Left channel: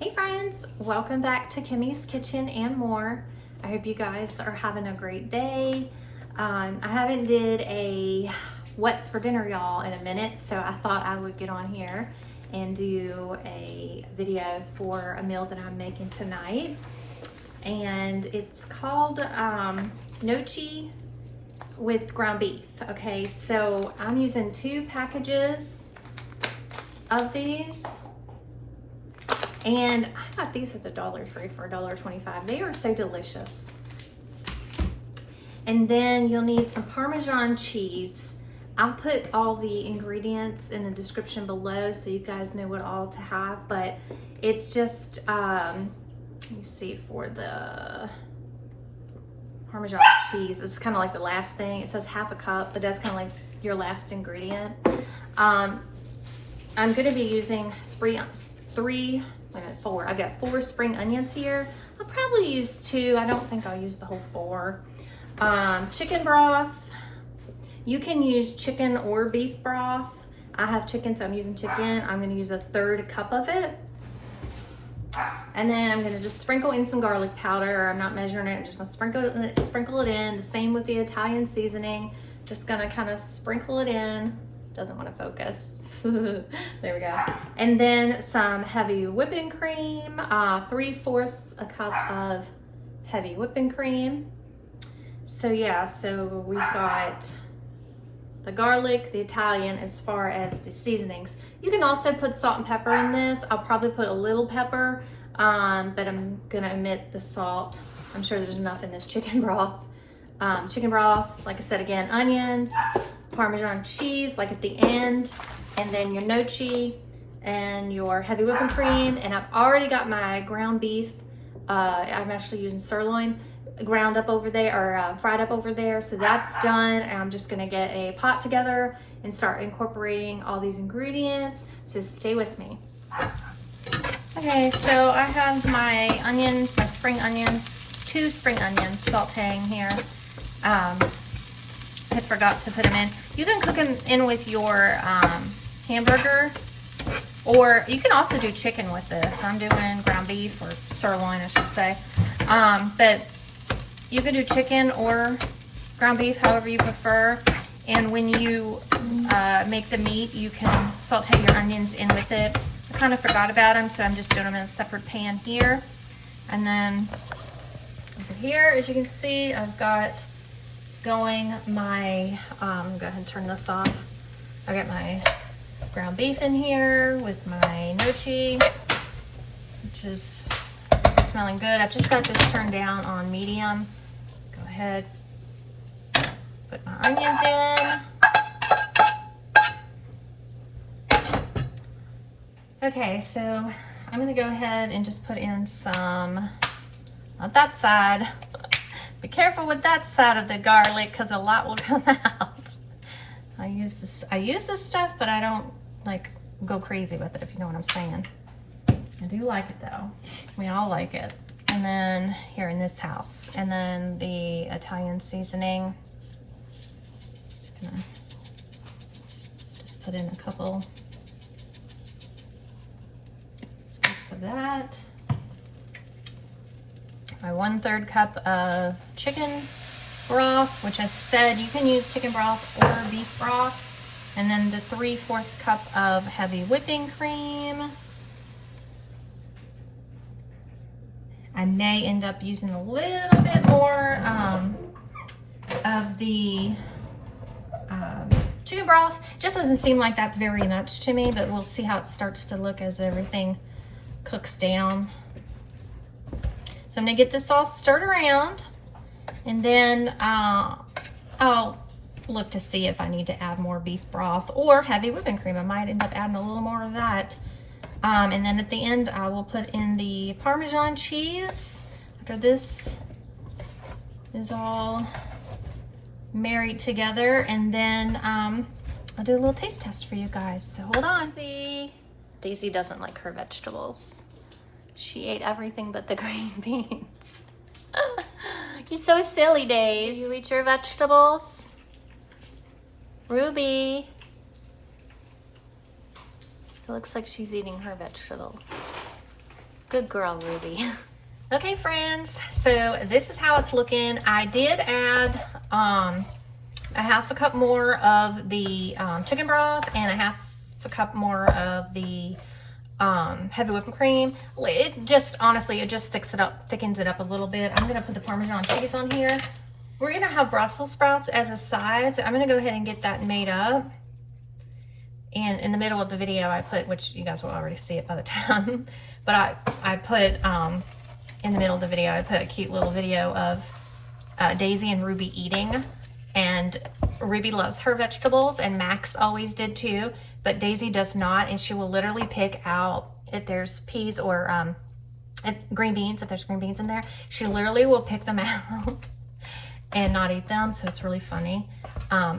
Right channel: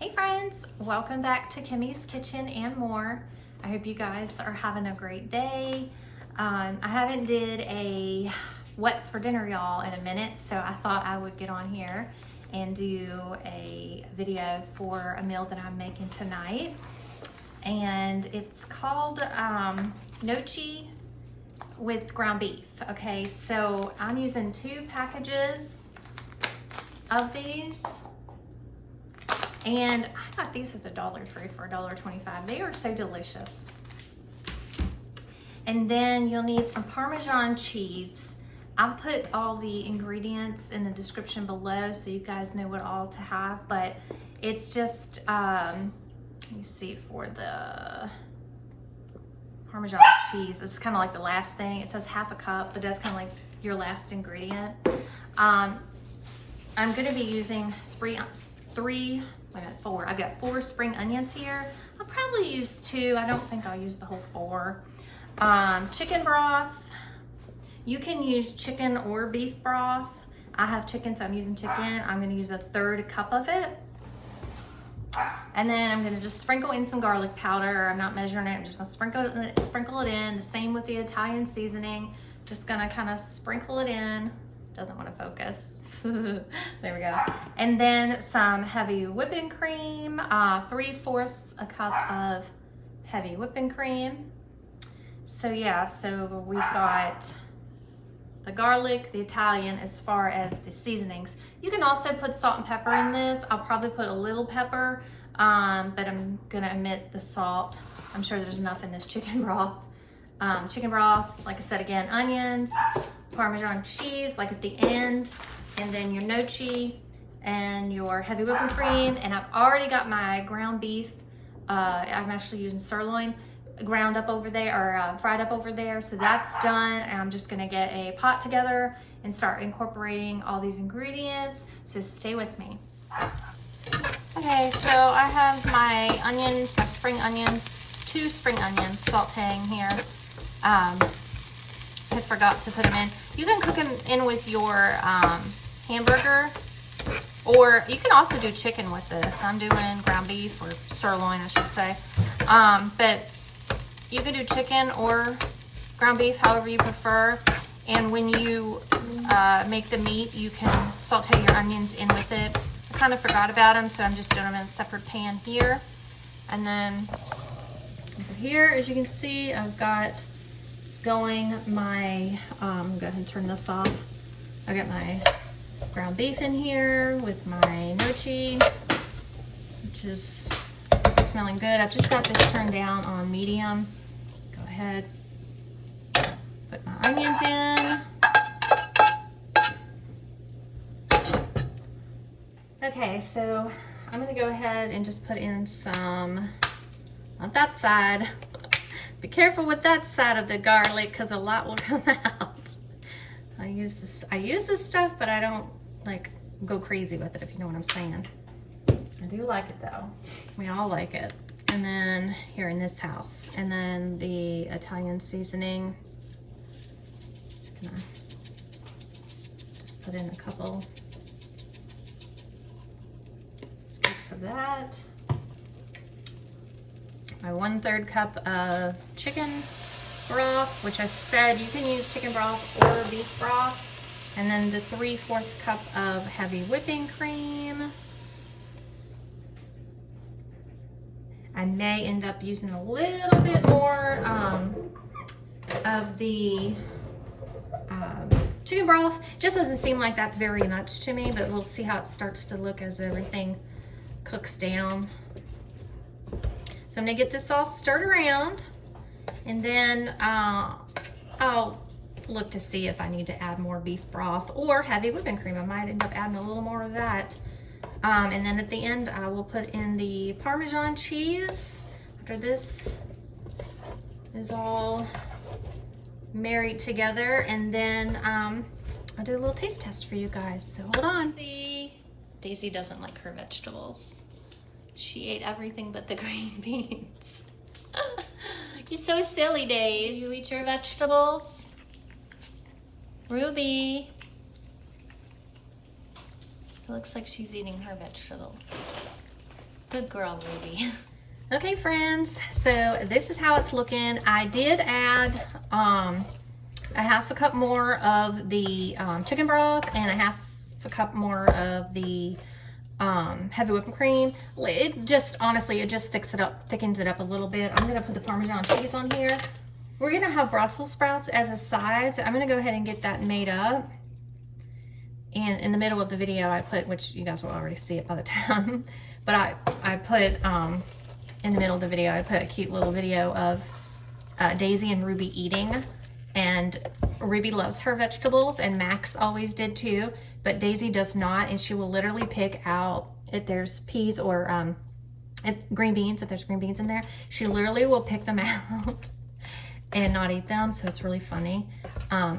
Hey friends, welcome back to Kimmy's Kitchen and More. I hope you guys are having a great day. I haven't did a what's for dinner y'all in a minute, so I thought I would get on here and do a video for a meal that I'm making tonight. And it's called Gnocchi with ground beef. Okay, so I'm using 2 packages of these. And I got these at the Dollar Tree for $1.25. They are so delicious. And then you'll need some Parmesan cheese. I'll put all the ingredients in the description below so you guys know what all to have. But it's just, let me see, for the Parmesan cheese, it's kind of like the last thing. It says half a cup, but that's kind of like your last ingredient. I'm gonna be using 4. I've got 4 spring onions here. I'll probably use 2. I don't think I'll use the whole 4. Chicken broth. You can use chicken or beef broth. I have chicken, so I'm using chicken. I'm gonna use 1/3 cup of it. And then I'm gonna just sprinkle in some garlic powder. I'm not measuring it, I'm just gonna sprinkle it in. The same with the Italian seasoning. Just gonna kind of sprinkle it in. Doesn't want to focus. There we go. And then some heavy whipping cream, 3/4 a cup of heavy whipping cream. So yeah, so we've got the garlic, the Italian, as far as the seasonings. You can also put salt and pepper in this. I'll probably put a little pepper, but I'm gonna omit the salt. I'm sure there's enough in this chicken broth. Like I said again, onions, Parmesan cheese, like at the end, and then your gnocchi and your heavy whipping cream. And I've already got my ground beef. I'm actually using sirloin, ground up over there, or fried up over there. So that's done. And I'm just gonna get a pot together and start incorporating all these ingredients. So stay with me. Okay, so I have my onions, my spring onions, 2 spring onions sauteing here. I forgot to put them in. You can cook them in with your hamburger, or you can also do chicken with this. I'm doing ground beef, or sirloin I should say. But you can do chicken or ground beef, however you prefer. And when you make the meat, you can saute your onions in with it. I kind of forgot about them, so I'm just doing them in a separate pan here. And then over here, as you can see, I've got going my, go ahead and turn this off. I got my ground beef in here with my gnocchi, which is smelling good. I've just got this turned down on medium. Go ahead, put my onions in. Okay, so I'm gonna go ahead and just put in some, not that side. Be careful with that side of the garlic, because a lot will come out. I use this stuff, but I don't like go crazy with it, if you know what I'm saying. I do like it though. We all like it. And then here in this house, and then the Italian seasoning. Just gonna just put in a couple scoops of that. My 1/3 cup of chicken broth, which I said you can use chicken broth or beef broth. And then the 3/4 cup of heavy whipping cream. I may end up using a little bit more of the chicken broth. Just doesn't seem like that's very much to me, but we'll see how it starts to look as everything cooks down. So I'm gonna get this all stirred around, and then I'll look to see if I need to add more beef broth or heavy whipping cream. I might end up adding a little more of that. And then at the end, I will put in the Parmesan cheese after this is all married together. And then I'll do a little taste test for you guys. So hold on. Daisy doesn't like her vegetables. She ate everything but the green beans. You're so silly, Daisy. You eat your vegetables? Ruby. It looks like she's eating her vegetables. Good girl, Ruby. Okay, friends, so this is how it's looking. I did add a half a cup more of the chicken broth and a half a cup more of the heavy whipping cream. It just, honestly, it just sticks it up, thickens it up a little bit. I'm gonna put the Parmesan cheese on here. We're gonna have Brussels sprouts as a side, so I'm gonna go ahead and get that made up. And in the middle of the video I put, which you guys will already see it by the time, but I put, in the middle of the video, I put a cute little video of Daisy and Ruby eating. And Ruby loves her vegetables, and Max always did too, but Daisy does not, and she will literally pick out, if there's peas or green beans, if there's green beans in there, she literally will pick them out and not eat them, so it's really funny.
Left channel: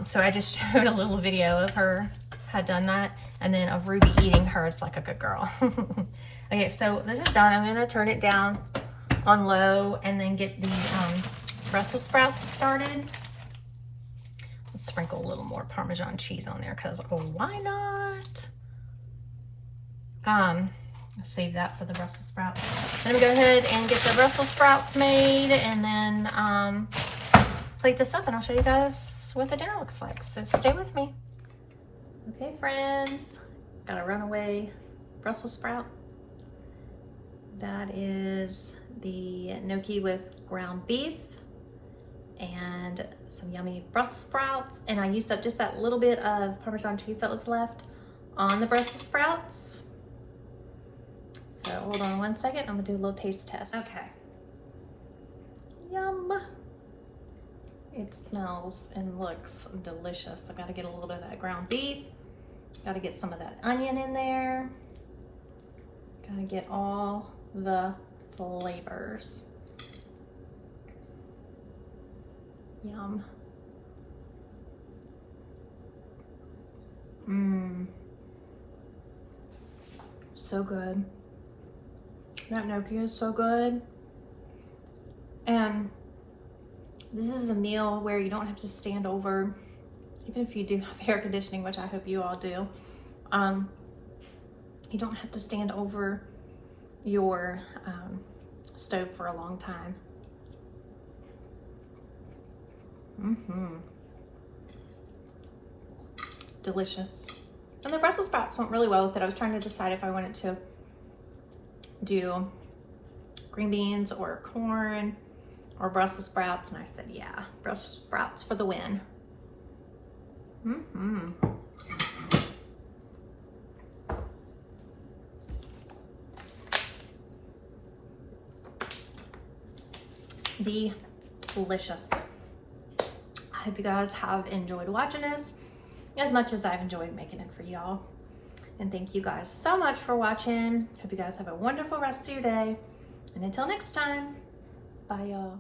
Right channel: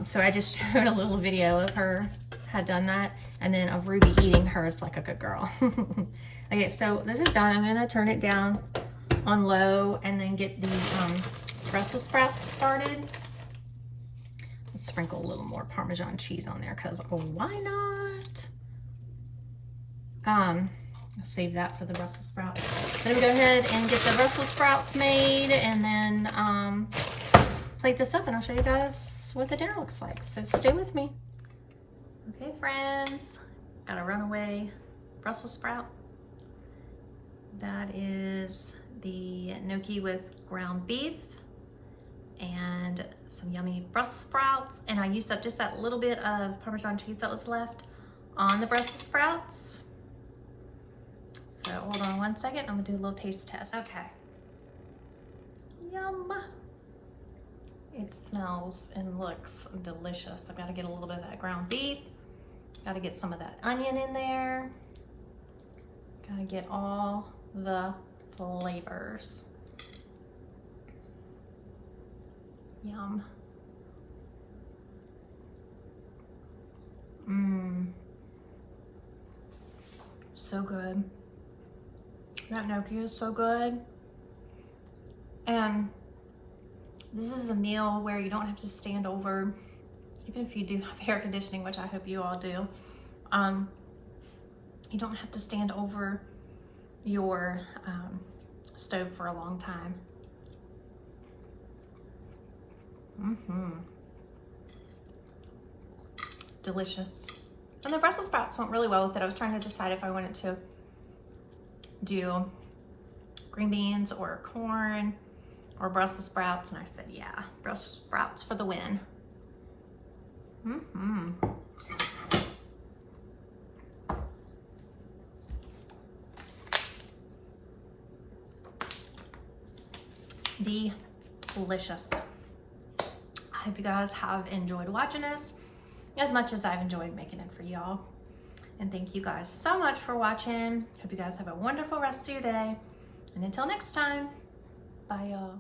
So I just showed a little video of her had done that, and then of Ruby eating hers like a good girl. Okay, so this is done. I'm gonna turn it down on low and then get the Brussels sprouts started. Let's sprinkle a little more Parmesan cheese on there because, oh, why not? Save that for the Brussels sprouts. I'm gonna go ahead and get the Brussels sprouts made and then plate this up, and I'll show you guys what the dinner looks like. So stay with me. Okay, friends, got a runaway Brussels sprout. That is the gnocchi with ground beef and some yummy Brussels sprouts. And I used up just that little bit of Parmesan cheese that was left on the Brussels sprouts. So hold on one second, I'm gonna do a little taste test. Okay. Yum. It smells and looks delicious. I've got to get a little bit of that ground beef. Got to get some of that onion in there. Got to get all the flavors. Yum. Mmm. So good. That gnocchi is so good. And this is a meal where you don't have to stand over, even if you do have air conditioning, which I hope you all do. You don't have to stand over your stove for a long time. Delicious. And the Brussels sprouts went really well with it. I was trying to decide if I wanted to do green beans or corn or Brussels sprouts, and I said, yeah, Brussels sprouts for the win. Delicious. I hope you guys have enjoyed watching this as much as I've enjoyed making it for y'all. And thank you guys so much for watching. Hope you guys have a wonderful rest of your day. And until next time, bye y'all.